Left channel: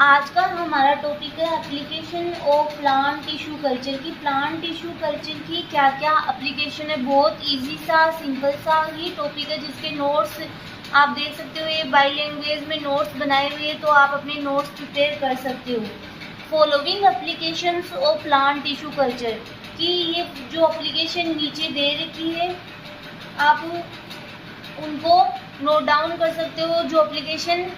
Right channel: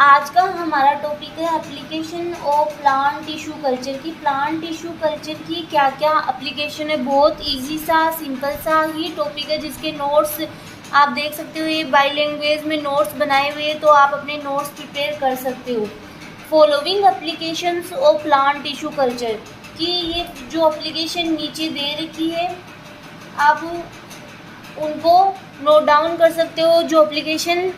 आज का हमारा टॉपिक है application of plant tissue culture की। प्लांट टिश्यू कल्चर की क्या क्या एप्लीकेशन है। बहुत इजी सा सिंपल सा ही टॉपिक है जिसके नोट्स आप देख सकते हो। ये बाई लैंग्वेज में नोट्स बनाए हुए हैं तो आप अपने नोट्स प्रिपेयर कर सकते हो। Following applications of plant tissue culture की ये जो एप्लीकेशन नीचे दे रखी है आप उनको नोट डाउन कर सकते हो। जो एप्लीकेशन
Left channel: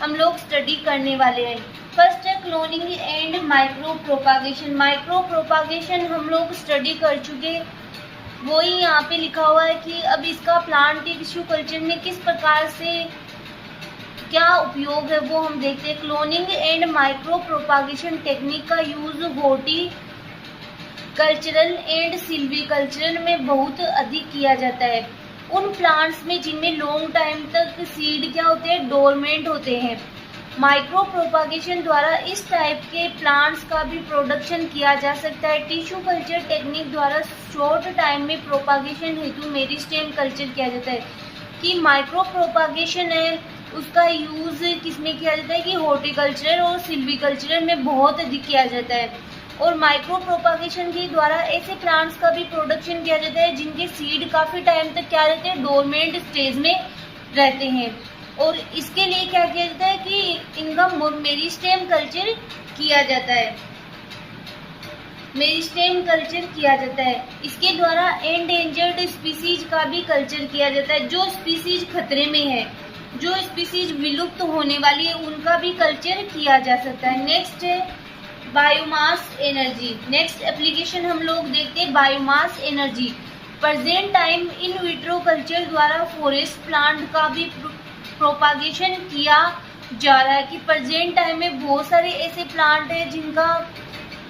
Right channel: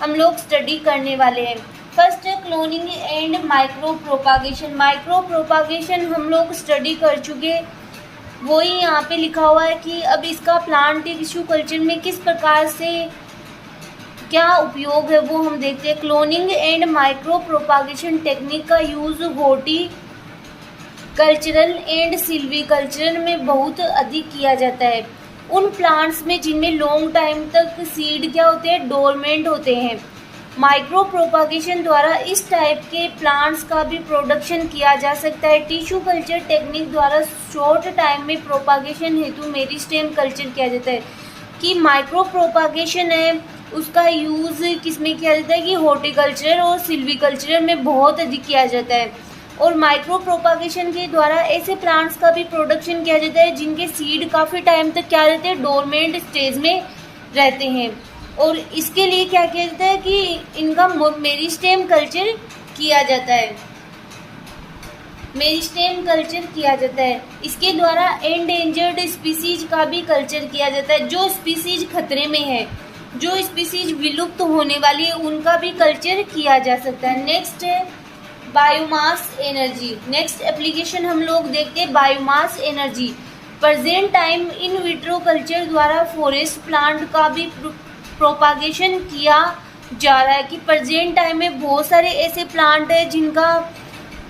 हम लोग स्टडी करने वाले हैं, फर्स्ट है cloning and micro propagation. Micro propagation हम लोग स्टडी कर चुके, वही यहाँ पे लिखा हुआ है कि अब इसका प्लांट टिश्यू कल्चर में किस प्रकार से क्या उपयोग है वो हम देखते हैं। Cloning and micro propagation technique का use horticultural and silvicultural में बहुत अधिक किया जाता है। उन प्लांट्स में जिनमें लॉन्ग टाइम तक सीड क्या होते हैं, डोरमेंट होते हैं। माइक्रो प्रोपागेशन द्वारा इस टाइप के प्लांट्स का भी प्रोडक्शन किया जा सकता है। टिश्यू कल्चर टेक्निक द्वारा शॉर्ट टाइम में प्रोपागेशन हेतु मेरिस्टेम कल्चर किया जाता है। कि माइक्रो प्रोपागेशन है उसका यूज़ किसमें किया जाता है कि हॉर्टिकल्चर और सिल्वीकल्चर में बहुत अधिक किया जाता है। और माइक्रो प्रोपागेशन के द्वारा ऐसे प्लांट्स का भी प्रोडक्शन किया जाता है जिनके सीड काफ़ी टाइम तक क्या रहते हैं, डोरमेंट स्टेज में रहते हैं। और इसके लिए क्या किया जाता है कि इनका मेरिस्टेम कल्चर किया जाता है। मेरिस्टेम कल्चर किया जाता है। इसके द्वारा एंडेंजर्ड स्पीसीज का भी कल्चर किया जाता है। जो स्पीसीज खतरे में है, जो स्पीसीज विलुप्त होने वाली है, उनका भी कल्चर किया जा सकता है। नेक्स्ट है बायोमास एनर्जी। नेक्स्ट एप्लीकेशन हम लोग देखते हैं biomass energy. Present time in vitro culture द्वारा फॉरेस्ट प्लांट का भी प्रोपागेशन किया जा रहा है। कि प्रेजेंट टाइम में बहुत सारे ऐसे प्लांट है जिनका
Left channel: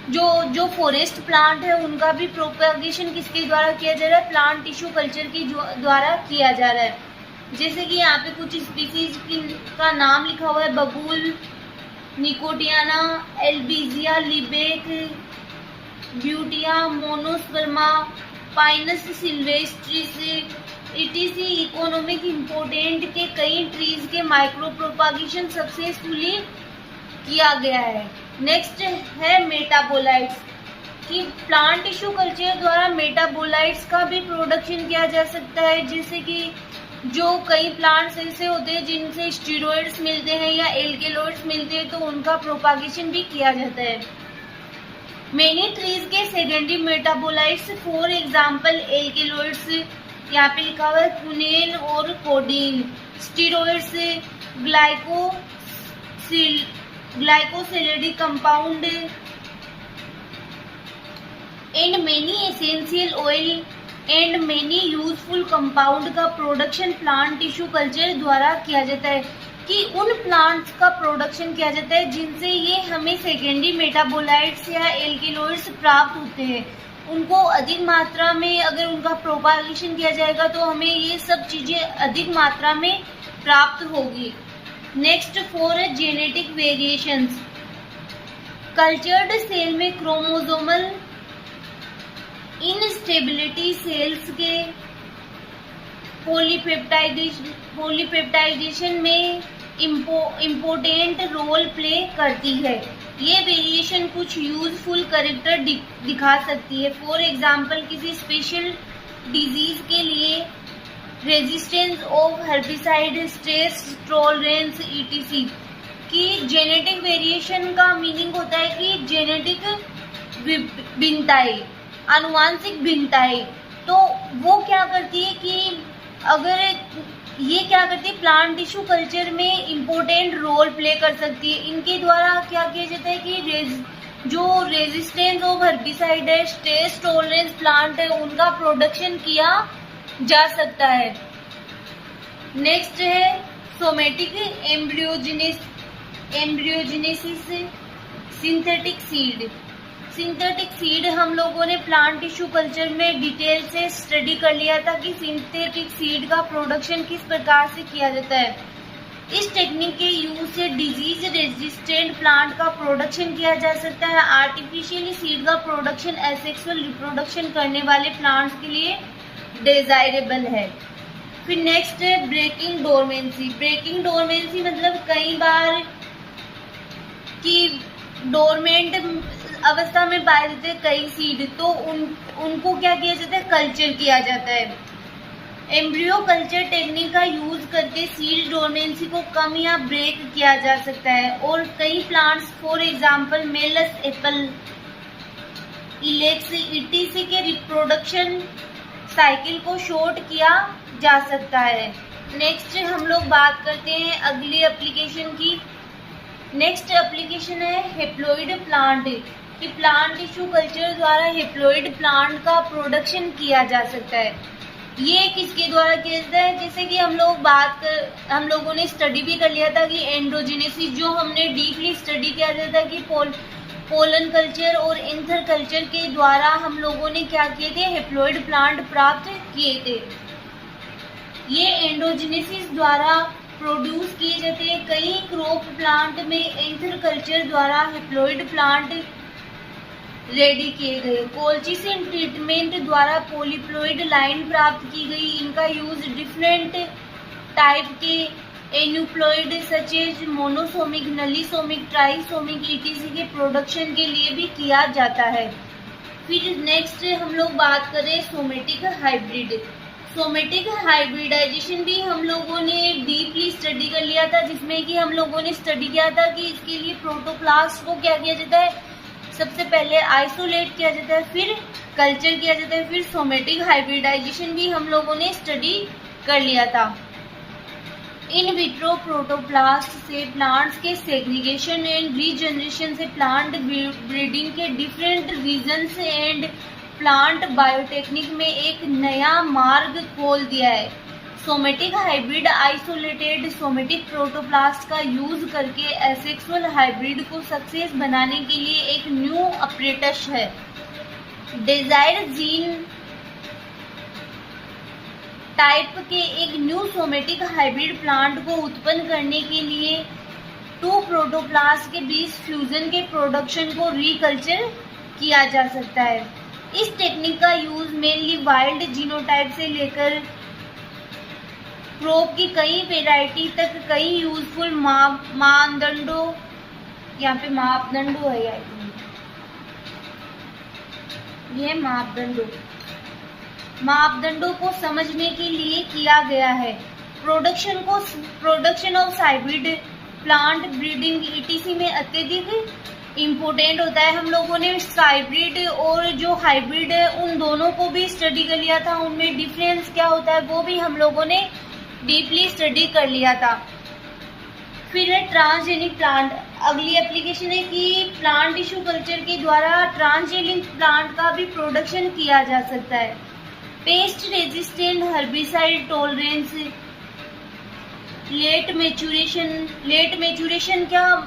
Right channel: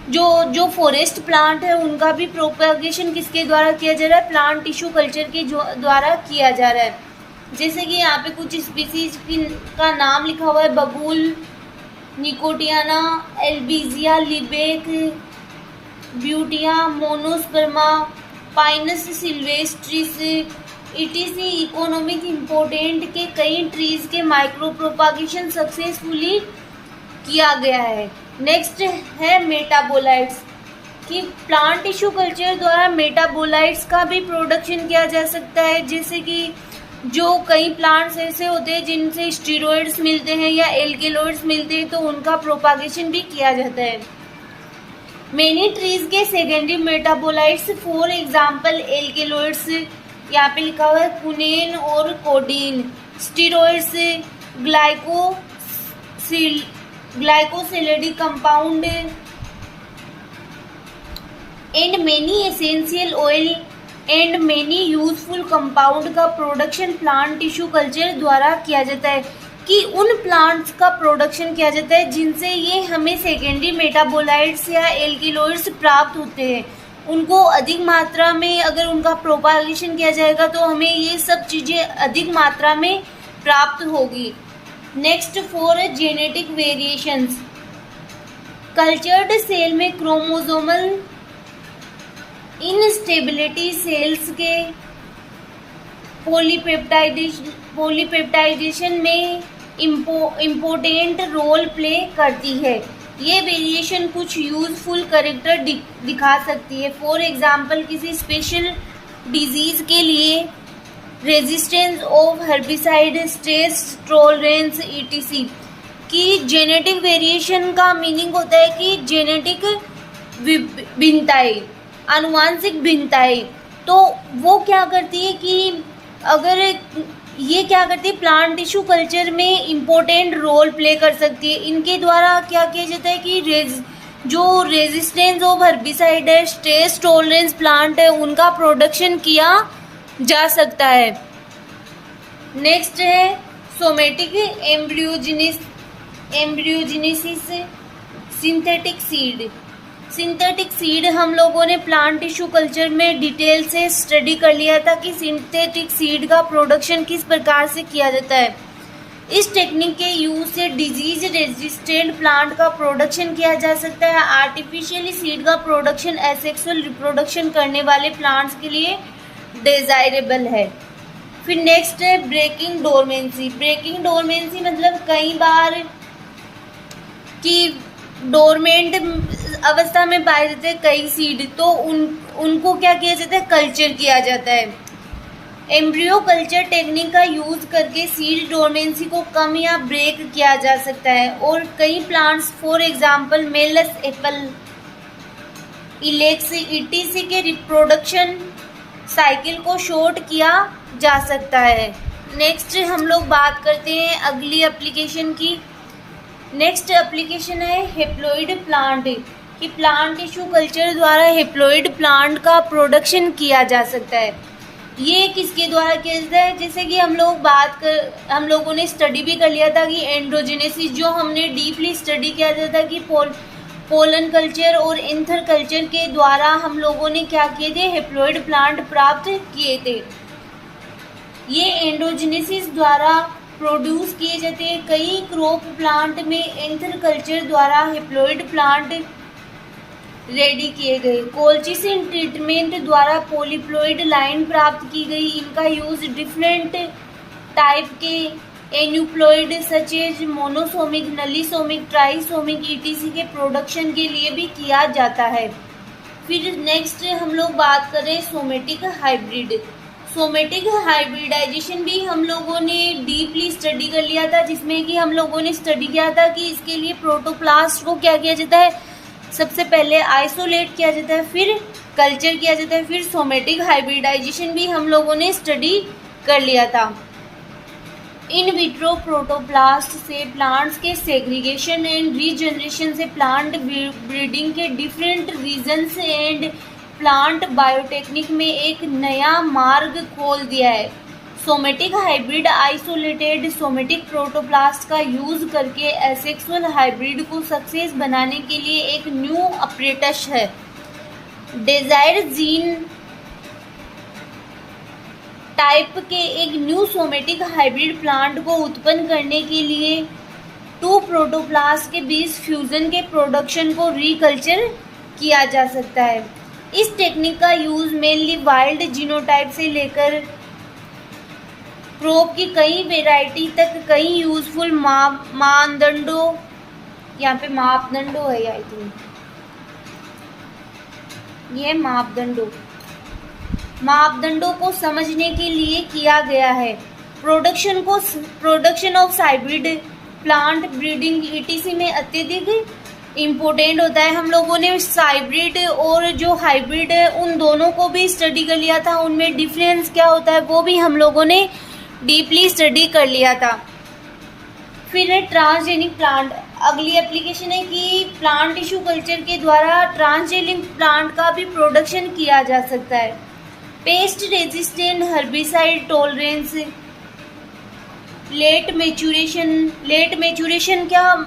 जो फॉरेस्ट प्लांट है उनका भी प्रोपागेशन किसके द्वारा किया जा रहा है, प्लांट टिश्यू कल्चर के द्वारा किया जा रहा है। जैसे कि यहाँ पे कुछ स्पीसीज का नाम लिखा हुआ है, बबूल, nicotiana, albizia, lebbeck, butea, monosperma, pinus sylvestris, ETC. Economic important के कई ट्रीज के माइक्रो प्रोपागेशन सक्सेसफुली किया गया है। नेक्स्ट है मेटाबोलाइट्स। कि प्लांट टिश्यू कल्चर द्वारा मेटाबोलाइट्स का भी प्रोडक्शन किया जा सकता है। जैसे कि जो कई प्लांट्स ऐसे होते हैं जिनसे स्टीरॉइड्स मिलते हैं या एल्केलॉइड्स मिलते हैं तो उनका प्रोपागेशन भी किया जाता है। मेनी ट्रीज के secondary metabolites for example alkaloids, यहाँ पे लिखा हुआ है कुनेन और codeine, steroids, glycosidic compound and many essential oil and many useful compound का प्रोडक्शन प्लांट टिश्यू कल्चर द्वारा किया जाता है। कि उन प्लांट्स का प्रोडक्शन किया जाता है जिनसे ये हमें सेकेंडरी मेटाबोलाइट्स या एल्केलॉइड्स प्राप्त होते हैं। उनको अधिक मात्रा में अगर उनका प्रोपागेशन किया जाएगा तो हमें ये सब चीज़ें अधिक मात्रा में प्राप्त होगी। Next for genetic variations. Cultured cell में क्रोमोसोमल इनस्टेबिलिटी सेल्स के पॉलीपेप्टाइडेशन में इम्पोर्टेंट रोल प्ले करती है। ये वेरिएशन कुछ यूजफुल कैरेक्टर दिखा सकती है। फॉर एग्जांपल किसी स्पेशल डिजीज के लिए resistance of herbicide, stress tolerance, etc. की जेनेटिक वेरिएशन का मीनिंग होता है कि जेनेटिक भिन्नताएं, आनुवांशिक भिन्नताएं। तो वो क्या करती है कि अगर ये क्या करती है, प्लांट टिश्यू कल्चर में इम्पोर्टेंट रोल प्ले कर सकती है। इनके द्वारा क्या किया जाता है कि जो रेजिस्टेंस ऑफ हर्बिसाइड है, स्ट्रेस टॉलरेंस प्लांट है, उनका प्रोडक्शन किया जा सकता है। नेक्स्ट है somatic embryogenesis, synthetic seed. Synthetic seed हम लोगों ने प्लांट टिश्यू कल्चर में डिटेल से स्टडी कर लिया था कि सिंथेटिक सीड का प्रोडक्शन किस प्रकार से किया जाता है। इस टेक्निक के यूज से डिजीज रेजिस्टेंट प्लांट का प्रोडक्शन किया जा सकता है। आर्टिफिशियली सीड का प्रोडक्शन एसेक्सुअल रिप्रोडक्शन करने वाले प्लांट्स के लिए डिजायरेबल है। फिर नेक्स्ट है ब्रेकिंग डोरमेंसी। ब्रेकिंग डोरमेंसी मतलब कई बार कि डोरमेंट अवस्था में पाए जाते हैं कई सीड, तो उनको क्या किया जाता है, कल्चर किया जाता है। एम्ब्रियो कल्चर टेक्निक का यूज करके सीड डोरमेंसी को कम या ब्रेक किया जा सकता है और कई plants for example malus apple, ilex, ETC के रिप्रोडक्शन साइकिल को शॉर्ट किया जा सकता है। नेक्स्ट हम लोग बात करते हैं अगली एप्लीकेशन की। नेक्स्ट एप्लीकेशन है हेप्लॉइड प्लांट, कि प्लांट टिश्यू कल्चर द्वारा हेप्लॉइड प्लांट का प्रोडक्शन किया जा सकता है। ये किसके द्वारा किया जाता है, जैसे कि हम लोगों ने स्टडी भी कर लिया था कि एंड्रोजेनेसिस, जो हमने डीपली स्टडी किया था कि पोलन कल्चर और एंथर कल्चर के द्वारा हम लोगों ने क्या किए थे, हेप्लॉइड प्लांट प्राप्त किए थे। ये एंड्रोजेनेसिस द्वारा प्रोड्यूस किए जाते हैं। कई क्रॉप प्लांट में एंथर कल्चर द्वारा हेप्लॉइड प्लांट रेडी किए गए। कोल्चिसिन ट्रीटमेंट द्वारा पॉलीप्लॉइड लाइन प्राप्त की गई। इनका यूज डिफरेंट टाइप के aneuploid such as monosomic, nullisomic, trisomic ETC के प्रोडक्शन के लिए भी किया जाता है। फिर नेक्स्ट हम लोग बात करें सोमेटिक हाइब्रिड। सोमेटिक हाइब्रिडाइजेशन भी हम लोगों ने डीपली स्टडी कर लिया था, जिसमें कि हम लोगों ने स्टडी किया था कि इसके लिए प्रोटोप्लास्ट को क्या किया जाता है, सबसे पहले आइसोलेट किया जाता है, फिर कल्चर किया जाता है, फिर सोमेटिक हाइब्रिडाइजेशन भी हम लोगों ने स्टडी कर लिया था। इन विट्रो प्रोटोप्लास्ट से प्लांट्स के सेग्रीगेशन एंड रीजनरेशन से प्लांट ब्रीडिंग के different regions and plant biotechnic में एक नया मार्ग खोल दिया है। Somatic hybrid isolated somatic protoplast का यूज करके एसेक्सुअल हाइब्रिड को सक्सेस बनाने के लिए एक न्यू अप्रेटस है। डिजायर जीन टाइप के एक न्यू सोमेटिक हाइब्रिड प्लांट को उत्पन्न करने के लिए टू प्रोटोप्लास्ट के बीच फ्यूजन के प्रोडक्शन को रीकल्चर किया जा सकता है। इस टेक्निक का यूज मेनली वाइल्ड जीनोटाइप से लेकर क्रॉप की कई वेराइटी तक कई यूजफुल मापदंडों, यहाँ पे मापदंडों है, आई थिंक ये मापदंडों को समझने के लिए किया गया है। Production of hybrid plant breeding etc में अत्यधिक इम्पोर्टेंट होता है। हम लोगों ने हाइब्रिड और जो हाइब्रिड है उन दोनों को भी स्टडी कर लिया था, उनमें डिफरेंस क्या होता है वो भी हम लोगों ने डीपली स्टडी कर लिया था। फिर है ट्रांसजेनिक प्लांट। अगली एप्लीकेशन है कि प्लांट टिश्यू कल्चर के द्वारा ट्रांसजेनिक प्लांट का भी प्रोडक्शन किया जा सकता है। Pest resistant, herbicide tolerance, late maturation क्या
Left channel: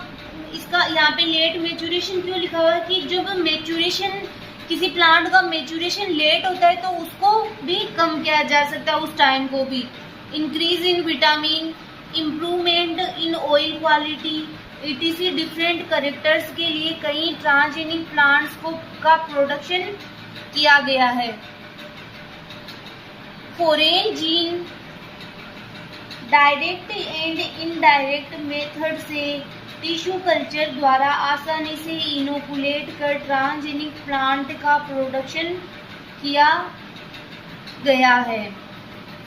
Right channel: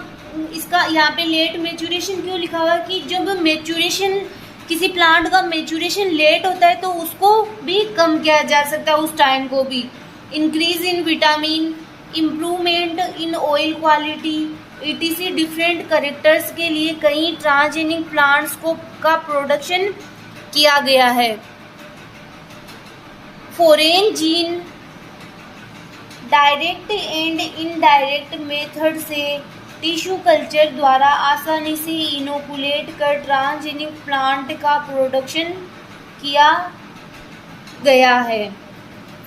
इसका यहाँ पे लेट मेचूरेशन क्यों लिखा हुआ कि जब मेचूरेशन किसी प्लांट का मेचूरेशन लेट होता है तो उसको भी कम किया जा सकता है, उस टाइम को भी। Increase in vitamin, improvement in oil quality, etc different characters के लिए कई ट्रांसजेनिक प्लांट्स का प्रोडक्शन किया गया है। Foreign gene direct and indirect method से टिश्यू कल्चर द्वारा आसानी से इनोकुलेट कर ट्रांसजेनिक प्लांट का प्रोडक्शन किया गया है।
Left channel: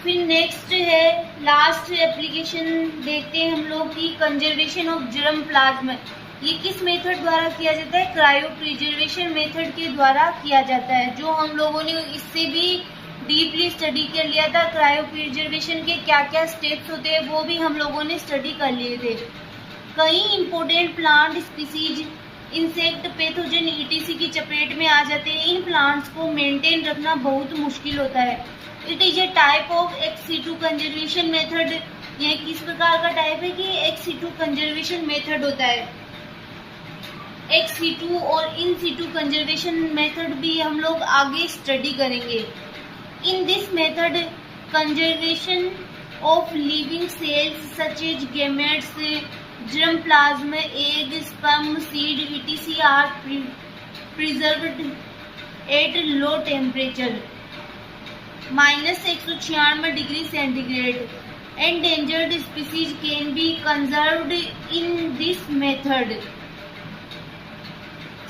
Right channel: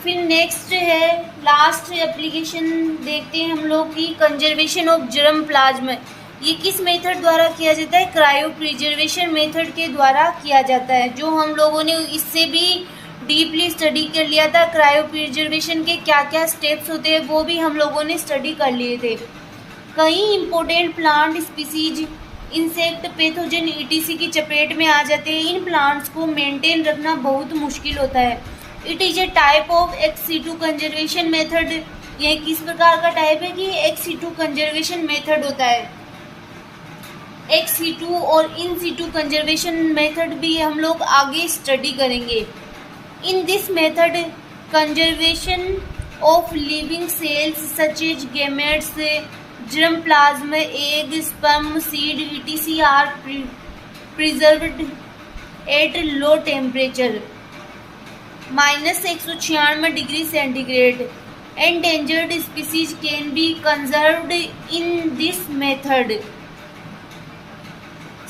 फिर नेक्स्ट है लास्ट एप्लीकेशन देखते हैं हम लोग की कंजर्वेशन ऑफ जर्म प्लाज्म। ये किस मेथड द्वारा किया जाता है, क्रायो प्रिजर्वेशन मेथड के द्वारा किया जाता है, जो हम लोगों ने इससे भी डीपली स्टडी कर लिया था। क्रायो प्रिजर्वेशन के क्या क्या स्टेप्स होते हैं वो भी हम लोगों ने स्टडी कर लिए थे। कई important plant species insect pathogen etc की चपेट में आ जाते हैं। इन प्लांट्स को मेंटेन रखना बहुत मुश्किल होता है। It is a type of ex situ conservation method. यह किस प्रकार का टाइप है कि एक्स सीटू कंजर्वेशन मेथड होता है। एक्स सीटू और इन सीटू कंजर्वेशन मेथड भी हम लोग आगे स्टडी करेंगे। In this method conservation of living cells such as gametes, germ plasma, egg, sperm, seed, etc. are preserved at low temperature -196 degree centigrade. Endangered species can be conserved in this method.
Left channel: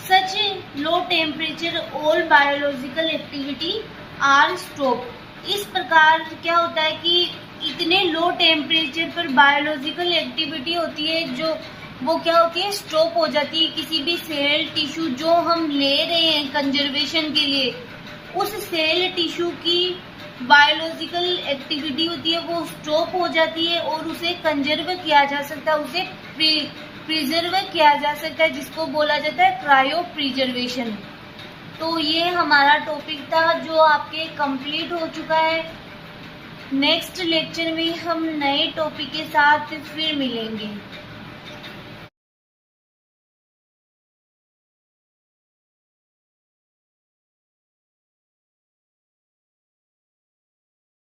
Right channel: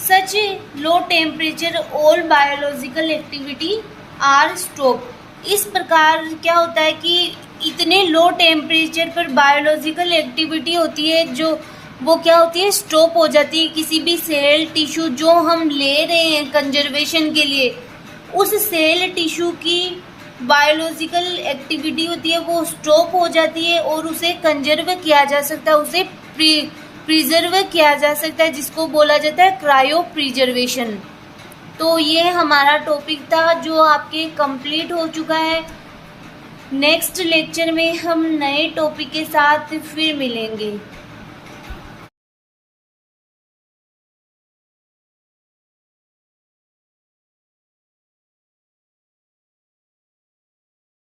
Such low temperature all biological activity are stop. इस प्रकार क्या होता है कि इतने low temperature पर biological activity होती है जो वो क्या होती है, स्टॉप हो जाती है। किसी भी सेल टिश्यू जो हम ले रहे हैं कंजर्वेशन के लिए, उस सेल टिश्यू की बायोलॉजिकल एक्टिविटी होती है वो स्टॉप हो जाती है और उसे कंजर्व किया जा सकता है, उसे प्रिजर्व किया जा सकता है, जिसको बोला जाता है क्रायो प्रिजर्वेशन। तो ये हमारा टॉपिक था जो आपके कंप्लीट हो चुका है। नेक्स्ट लेक्चर में हम नए टॉपिक के साथ फिर मिलेंगे।